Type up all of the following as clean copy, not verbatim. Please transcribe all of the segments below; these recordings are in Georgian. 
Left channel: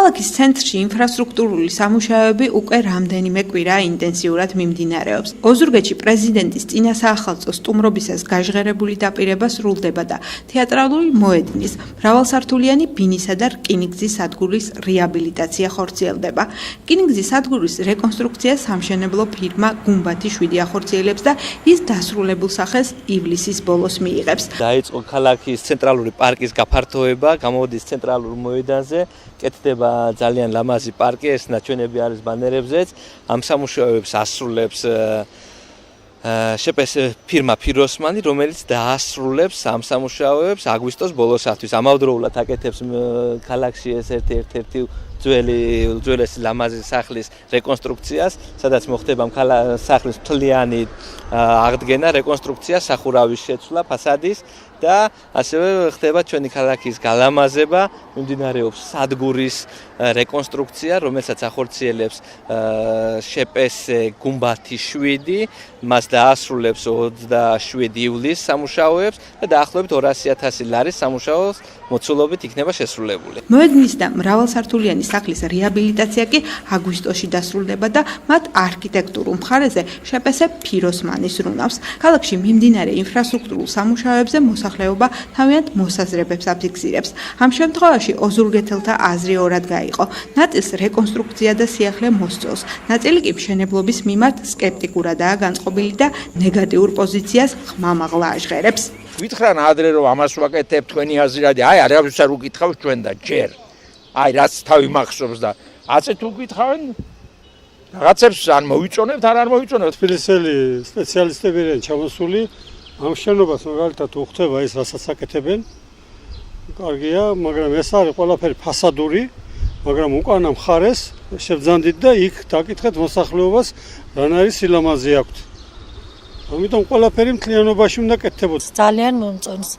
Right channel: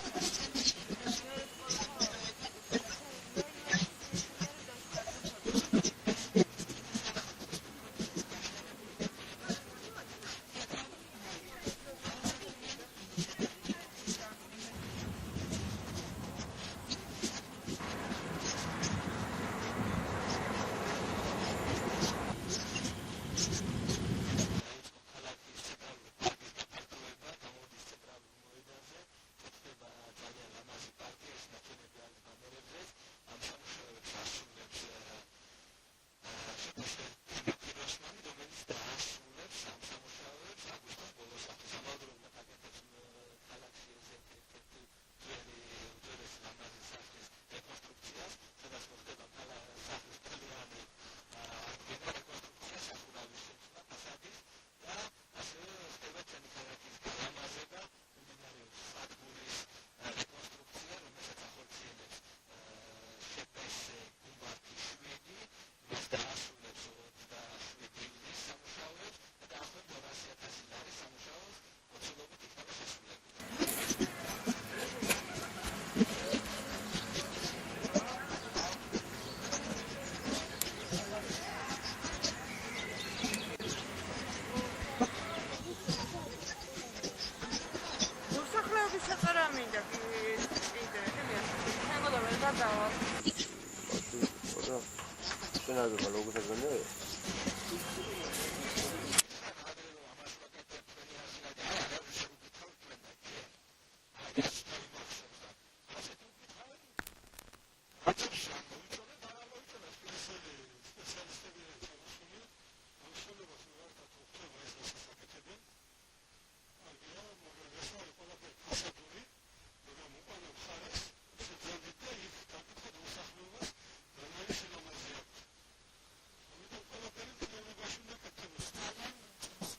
ქალაქის ცენტრში ინფრასტრუქტურული სამუშაოები უკვე რამდენიმე კვირა ინტენსიურად მიმდინარეობს. ოზურგეთში პრეზიდენტის წინა საახალწლო სტუმრობისას გაჟღერებული დაპირება სრულდება და თეატრალური მოედნის, მრავალსართულიანი ბინისა და რკინიგზის სადგურის რეაბილიტაცია ხორციელდება. რკინიგზის სადგურის რეკონსტრუქცია სამშენებლო ფირმა გუმბათი 7 ახორციელებს და ის დასრულებულ სახელს ივლისის ბოლოს მიიღებს. დაიწყო ქალაქის ცენტრალური პარკის გაფართოება, გამოდის ცენტრალურ მოედანზე, კეთდება ძალიან ლამაზი პარკი, ეს ნაჩვენები არის ბანერებზეც. ამ სამუშაოებს ასრულებს შეპეს ფირმა ფიროსმანი, რომელიც დაასრულებს ამ სამუშაოებს აგვისტოს ბოლოსთვის. ამავდროულად აკეთებს ქალაქში ეს ერთ-ერთი უძველესი ლამაზი სახლის რეკონსტრუქციას, სადაც მოხდება სახლის მთლიანი აღდგენა, რეკონსტრუქცია, სახურავის შეცვლა, ფასადის და ასევე ხდება ჩვენი ქალაქის გალამაზება, მიმდინარეობს სადგურის რეკონსტრუქცია, რომელსაც ახორციელებს შეპეს გუმბათი 7, მას დაასრულებს 27 ივლისს სამუშაოებს და დაახლოებით 200,000 ლარის სამუშაოს მოცულობით იქნება შესრულებული. მოედნის და მრავალსართულიანი სახლის რეაბილიტაცია კი აგვისტოში დასრულდება და მათ არქიტექტურულ მხარეზე შეპესე ფიროსმანის რუნავს. ქალაქში მიმდინარე ინფრასტრუქტურულ სამუშაოებზე მოსახლეობა თავიანთ მოსაზრებებს აფიქსირებს. ამ შემთხვევაში ოზურგეთელთა აზრი ორად გაიყო. ნაწილს რეკონსტრუქცია და სიახლე მოსწონს, ნაწილი კი მშენებლობის მიმართ სკეპტიკურადაა განწყობილი და ნეგატიურ პოზიციას ხმამაღლა აჟღერებს. Ვითხრან ადრე რომ ამას ვაკეთებ თქვენი აზრიადი, არავის არ უკითხავს ჩვენ და ჯერ. რაც თავი მახსოვს და აცეთ უკითხავენ რაღაცებს ან მოვიწონებთ, არ მოვიწონებთ. თბილისელი სპეციალისტები არიან ჩამოსული ამ შენობას მაგალითად უხდება ის რასაც აკეთებენ. კარგია, მაგრამ ეს არის ყველაფერი ფასადური, მაგრამ უკანა მხარეს შევძანდით და იქ დაკითხეთ მოსახლეობას, რან არის სილამაზე აქვთ. ამიტომ ყველაფერი მთლიანობაში უნდა კეთდებოდეს. ძალიან მომწონს.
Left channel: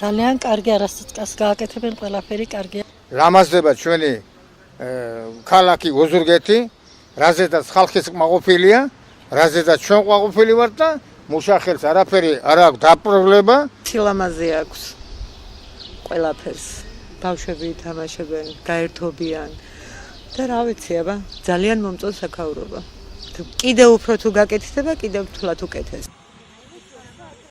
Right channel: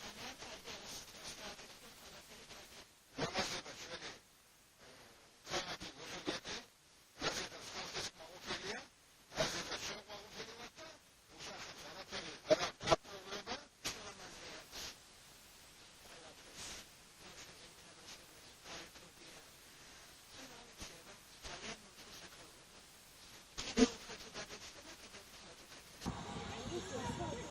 ძალიან კარგი არასწორს გააკეთებენ, ყველაფერი კარგია. რამაზდება ჩვენი ქალაქი ოზურგეთი, რაზედაც ხალხის კმაყოფილია, რაზედაც ჩვენ კმაყოფილი ვართ და მუშახელს არაფერი არ აქვს დაპრობლება. სილამაზე აქვს ყველაფერს. ბავშვები ითამაშებენ, გაერთობიან და რა ვიცი, აბა ძალიან მომწონს საქაურობა. კიდევ უფრო თუ გაკეთდება, კიდევ თულად უკეთეს.